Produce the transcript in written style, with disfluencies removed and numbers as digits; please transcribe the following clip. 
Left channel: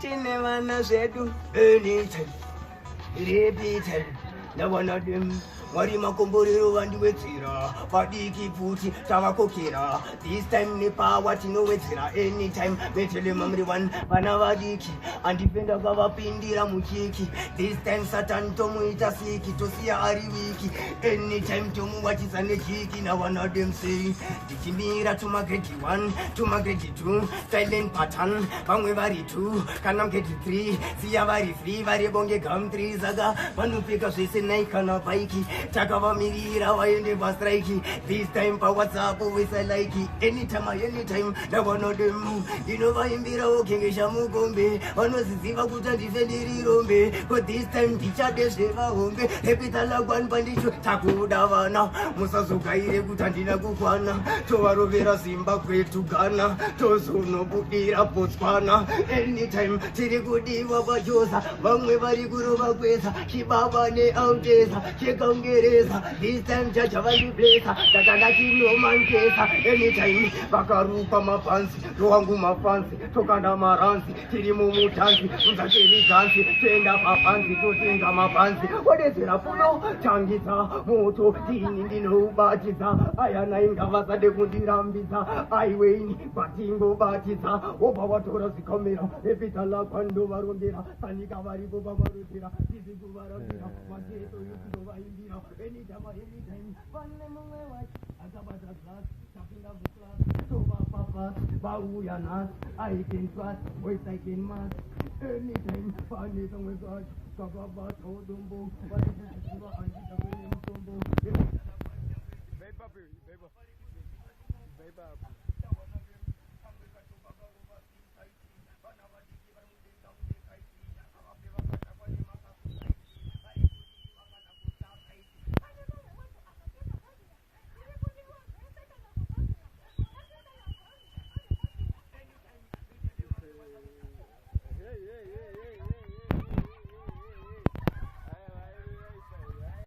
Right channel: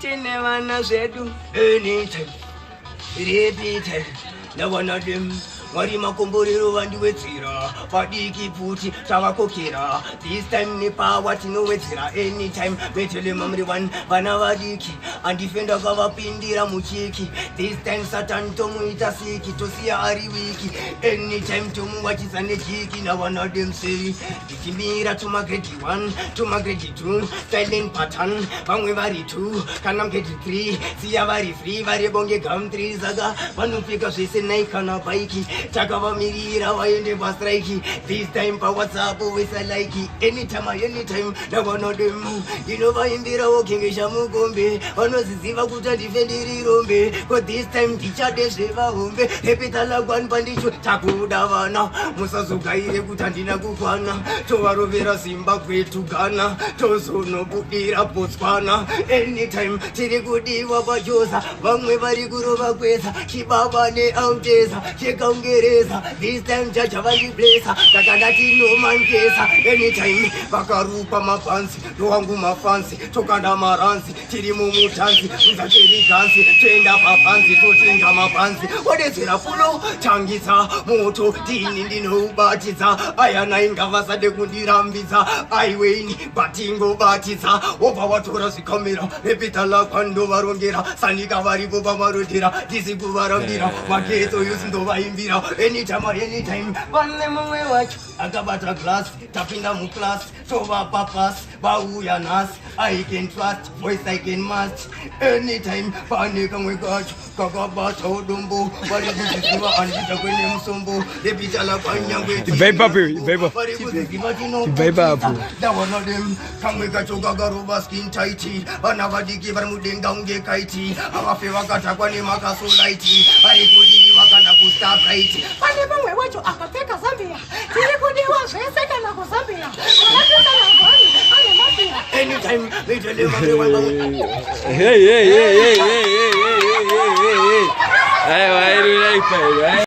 Tine vana Zvedu anytime Reptile na one of them Wari makomborero vandiwedzera vadiki pfuti tavakokera this time nepower tinowedzera anytime betele mamri one vana vadiki andifenda kavapindira muchiki this time satan tomuita siki tosiya ari wiki anytime tomuwachisa nejiki na one of them say ndichimira tuma grade 1 tuma grade 2 silent pattern vamwe vari 2 kana grade 3 siya vari free vari bonge gum 3 saka vanopfeka zvese naikana bike takavamirira vaende pastrike this time pawhatsapp wesa like anytime navanodemu inovaimbirawo kengesha mukombe vanoziziva kuti handife ndiri rombe ko this time ndichade zvevahombe repitala kwani pandicho takuda vana musazogaire kuti handina kukwana tovarovera zimbabwe tugana tozonobudira botswana anytime tiri kudiwa pachosa vamwe vari kurova kwesa chibaba neautesa chekaungereza this time jaja vandiblesa takandati nomankesa anytime vakarupa mapanzi ndowangu mafanzi tokanda maranzi tiri mumutanzi uzacheri ganzi toenda papanzi totenga mapanzi wadedzera fulo tangisa moto tini ndinoubatidza ayana ingavasade kundirambidza aiweni batingobatidza wobva watora zvikamera repitala kwandovarongera sanika varipo pamarodhera tisi kuvarambira magetso yosindovaimbira anytime pane mumwe wacho akabata glass tapinda muclass tovapa pass vauya nhasi I can trust voice I can must anytime pane kamwe kacho kakabata udombo vari kuziziva handita kwene musombo repitala kwanyangwe vari kuziziva tinobata ndawana dem kamwe kacho kakaroba skin tight vana vadiki vari mudenga unge kaiti avafe vakatakwa nemakasolaiti vari kudii vakanda kustabright pane mumwe wacho akapfeka zambia tiri kudiwa zvese kana kuzambia anytime they deliver Hey, why do you like that, right?